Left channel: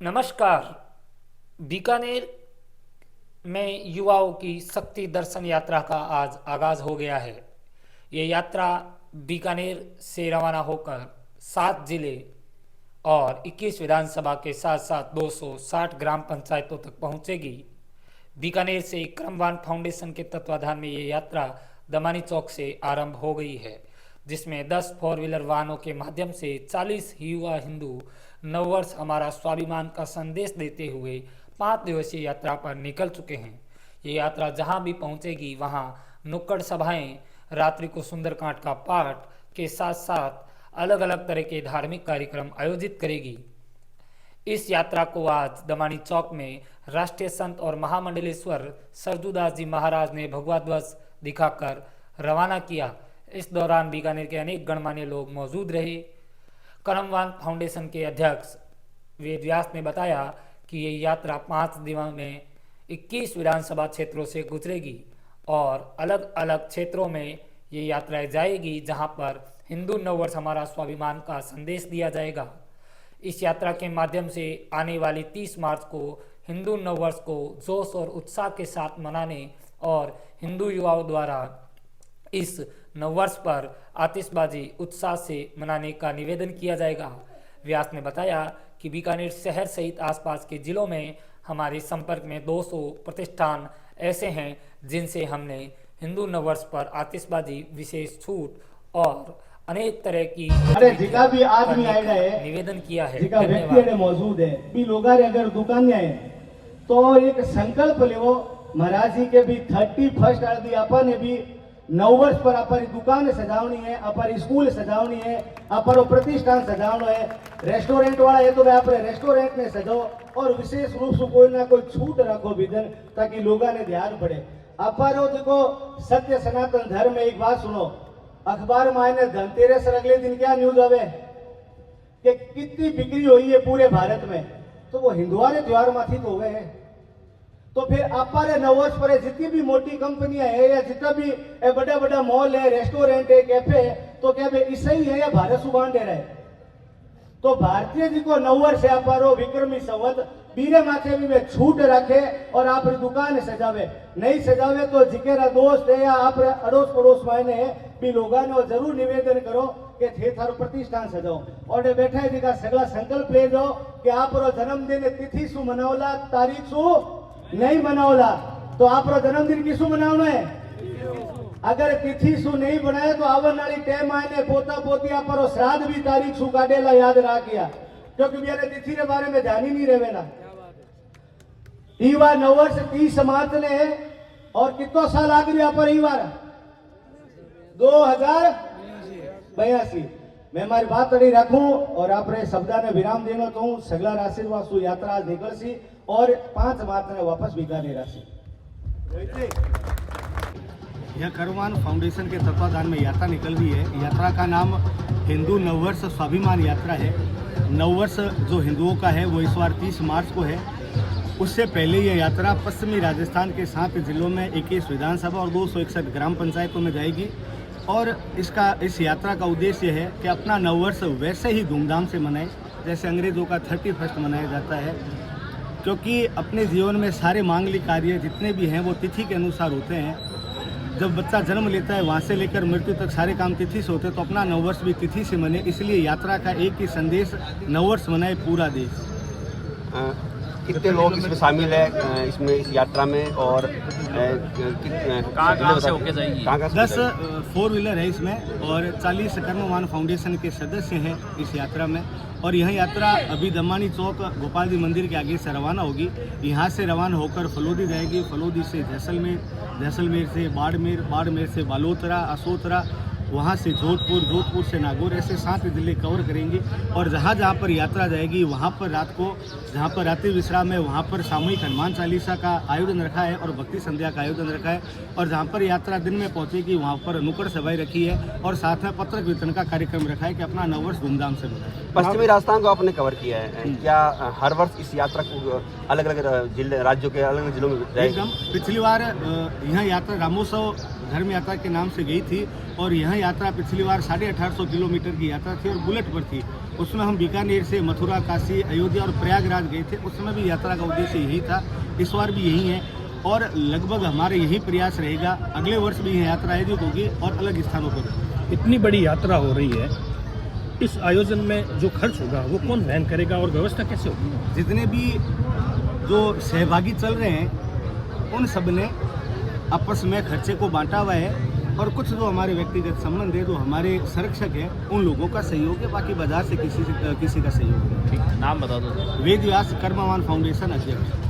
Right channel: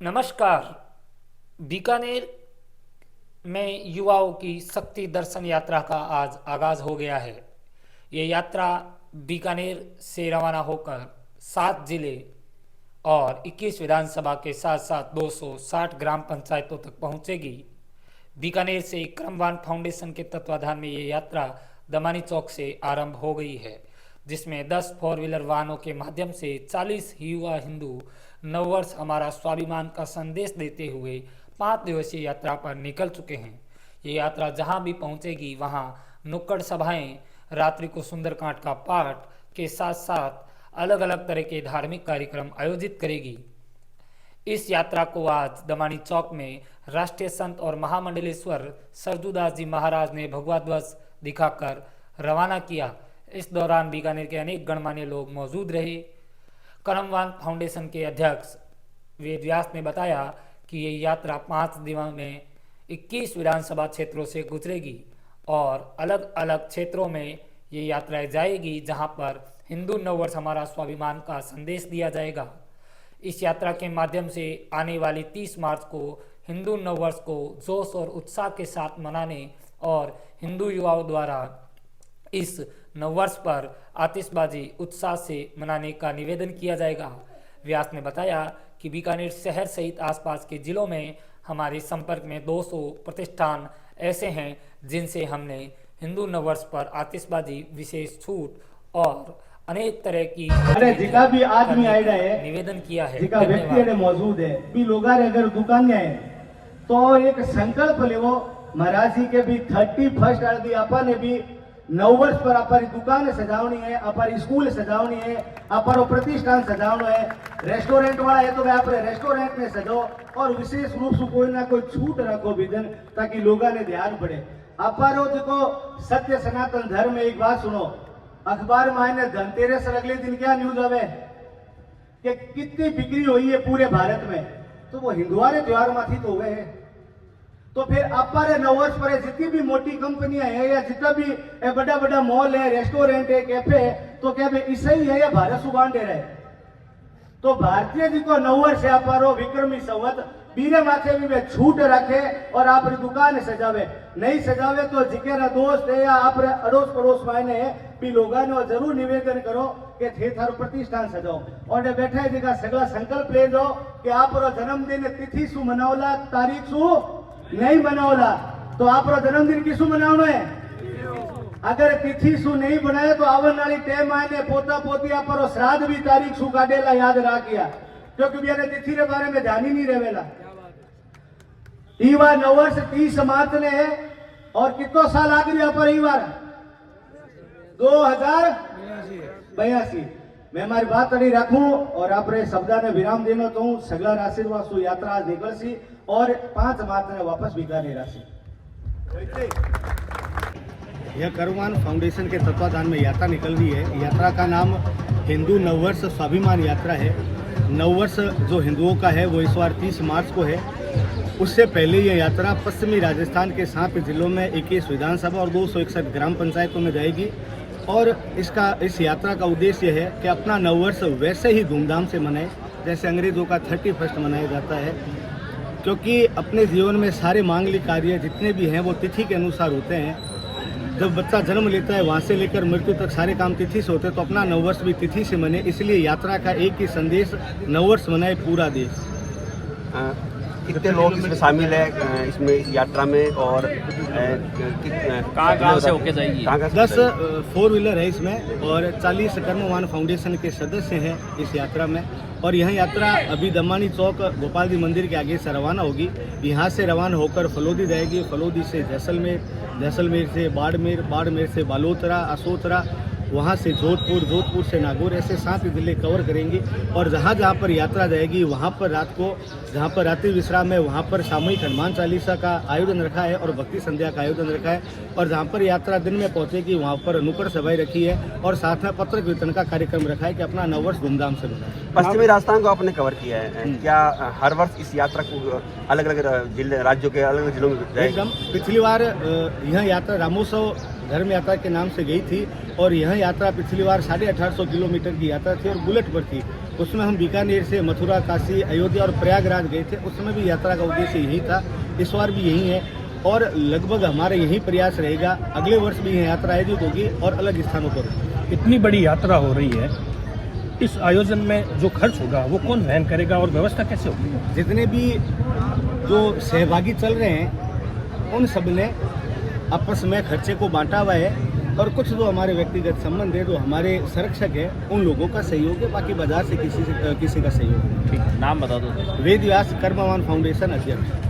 नमस्कार। बीकानेर में युवाओं की शक्ति दर्शन यात्रा का आज आगाज हो गया है। ये यात्रा बीकानेर से रवाना होकर 7 जिले और 21 विधानसभा के साथ साथ 260 ग्राम पंचायतों तक पहुंचेगी। बीकानेर से क्रमवान फाउंडेशन के तत्वाधान में ये यात्रा दमानी चौक से आरंभ हो गई है, जिसमें 10 4 व्हीलर वाहनों के माध्यम से 40 युवा हिंदू नववर्ष हमारा स्वाभिमान का संदेश देते हुए 5 दिवसीय यात्रा पर निकल चुके हैं। ये यात्रा जहां भी पहुंचेगी वहां नुक्कड़ सभाएं, रात्रि को सुंदरकांड का पाठ के साथ साथ अलग अलग तरह के धार्मिक कार्यक्रम आयोजित करेगी। इस यात्रा को आज दमानी चौक में राष्ट्रीय संत और महामंडलेश्वर सरजूदास जी महाराज ने भगवा ध्वज दिखाकर रवाना किया। इस दौरान बीकानेर के अनेक गणमान्य लोग मौजूद रहे। करमवान फाउंडेशन के अध्यक्ष वेद व्यास ने बताया कि ये यात्रा 5 दिनों में 21 विधानसभा क्षेत्रों से गुजरेगी और अलग अलग क्षेत्रों में ये यात्राएं जाएगी, जहां पर हिंदू नववर्ष हमारा स्वाभिमान का संदेश दिया जाएगा। इस यात्रा के माध्यम से आने वाली 30 मार्च को हिंदू नववर्ष को जोश और उत्साह के साथ मनाने और हिंदू युवाओं द्वारा इस नववर्ष पर आतिशबाजी उत्साह से मनाने का निवेदन किया जाएगा। व्यास ने बताया कि बीकानेर शहर सहित आसपास के जिलों में हमारे संपर्क में 200 प्रतिष्ठान ऐसे हैं जिनसे हमने हिंदू नववर्ष पर आतिशबाजी, विशेष छूट और अनेक तरह की गतिविधियां करने का निवेदन किया है। धन्यवाद। मौजूद है भी लोग अगर दुकान है तो एक संकल्प लेवो महाराज जी के भी 31 अभी अपन भी नववर्ष पर अपर दुकान सजावनी है, अपर स्कूल सजावनी है, अपर प्रतिष्ठान सजावना है। रेस्टोरेंट वाला है तो वे अपने रेस्टोरेंट में सजो और विशेष रूप से कोई ना कोई छूट रखो विधन, ताकि लोगों ने ध्यान पड़े। अपर देखो सत्य सनातन धर्म में एक बात सुनो, अखबार में धनतेरस अगले दिन क्या न्यूज आवे कि कितनी बिक्री हुई है पूरे भारत में, तो वो हिंदुआ ने त्योहार माथी तो हुए हैं। तो फिर अपर नववर्ष पर जितनी भी मोटी कंपनियां है या जितना भी बड़ा बड़ा मॉल है, रेस्टोरेंट है, कैफे है, तो क्या वे ईसाई है या भारत सुबान दे रहे? तो भारतीय जी को नववर्ष है अपारो विक्रमी संवत बीरे माथे भी वे छूट रखे और आप दुकान सजावे, नहीं सजावे तो जिकेरा दोस्त है या आप अड़ोस पड़ोस मायने भी लोगों ने जरूर निवेदन करो कि थे थारो प्रतिष्ठान सजाओ और बैठे जी का सगला संकल्प ले दो कि आप जन्मदिन तिथि शू मनावला, तारीख शू नहीं मनावला, तो आप जन्मदिन किसू मनावना है। अगर तिथि शू नहीं बनाए तो आवन वाली टाइम आने पोता पोतिया पर श्राद्ध भी तारीख शू काटेला याद राखिया, क्योंकि मैंने तिथि के बारे में जान ही नहीं रहेला। ई बार नववर्ष 30 मार्च ने है और कितो साल आगे पर ई बार 2082। मैं हमारी बात नहीं रखूं और आपने शब्दा ने विराम देना तो हूं सगला आशीर्वाद सु यात्रा आज निकल सी और 5 मार्च ने वापस बीकानेर राशि। यह करमवान फाउंडेशन के तत्वाधान में यात्रा निकल रही है। यात्रा का नाम हिंदू नववर्ष स्वाभिमान यात्रा है। नववर्ष जो हिंदुओं का है वो इस बार 30 मार्च को है। उससे पहले ये यात्रा पश्चिमी राजस्थान के 7 जिलों में 21 विधानसभा और 261 ग्राम पंचायतों में जाएगी और इस यात्रा का उद्देश्य है कि अपना नववर्ष वैसे ही धूमधाम से मनाए जैसे अंग्रेजों का 31 मनाया जाता है, क्योंकि अपने जीवन में सारे मांगलिक कार्य जितने भी हैं वो तिथि के अनुसार होते हैं। जब बच्चा जन्म लेता है वहाँ से लेकर मृत्यु तक सारे काम तिथि से होते हैं, तो अपना नववर्ष भी तिथि से मने। इसलिए यात्रा का एक ही संदेश, नववर्ष मनाए पूरा देश। कितने लोग इसमें शामिल है इसमें इस यात्रा में और कहाँ से होके जाएगी? 10 4 व्हीलर है इसमें और 40 करमवान फाउंडेशन के सदस्य हैं इस यात्रा में। और यह यात्रा अभी दमानी चौक गोपाल जी मंदिर के आगे से रवाना होगी। यहाँ से रवाना होकर फलोदी जाएगी, फलोदी से जैसलमेर, जैसलमेर से बाड़मेर, बाड़मेर से बालोतरा, असोतरा, वहाँ से जोधपुर, जोधपुर से नागौर, ऐसे 7 जिले कवर करेंगे। और जहाँ जहाँ पर यात्रा जाएगी वहाँ पर रात को जहाँ पर रात्रि विश्राम है वहाँ पर सामूहिक हनुमान चालीसा का आयोजन रखा है और भक्ति संध्या का आयोजन रखा है। और जहाँ पर यात्रा दिन में पहुँचेगी वहाँ पर नुक्कड़ सभाएं रखी है और साथ में पत्रक वितरण का कार्यक्रम रखा है कि अपना नववर्ष धूमधाम से मनाए। पश्चिमी राजस्थान को आपने कवर किया है, क्या हर वर्ष इस यात्रा को अलग अलग जिले राज्यों के अलग अलग जिलों में एकदम पिछली बार यह यात्रा रामोत्सव धर्म यात्रा के नाम से गई थी और यह यात्रा पिछली बार 1850 किलोमीटर की यात्रा थी और बुलेट पर थी। उसमें हम बीकानेर से मथुरा, काशी, अयोध्या और प्रयागराज गए थे। उस समय भी यात्रा का उद्देश्य यही था, इस बार भी यही है और लगभग हमारे यही प्रयास रहेगा। अगले वर्ष भी यह यात्रा आयोजित होगी और अलग स्थानों पर। इतनी बड़ी यात्रा हो रही है, इस आयोजन में जो खर्च होगा वो कौन वहन करेगा और व्यवस्था कैसे होगी? जितने भी जो सहभागी चल रहे हैं उन सब ने आपस में खर्चे को बांटा हुआ है और कुछ जो हमारे व्यक्तिगत संबंध है, जो हमारे संरक्षक है, उन लोगों का सहयोग है। बाकी बाजार से किसी का सहयोग नहीं। नाम बता दो। वेद व्यास कर्मवान फाउंडेशन अध्यक्ष।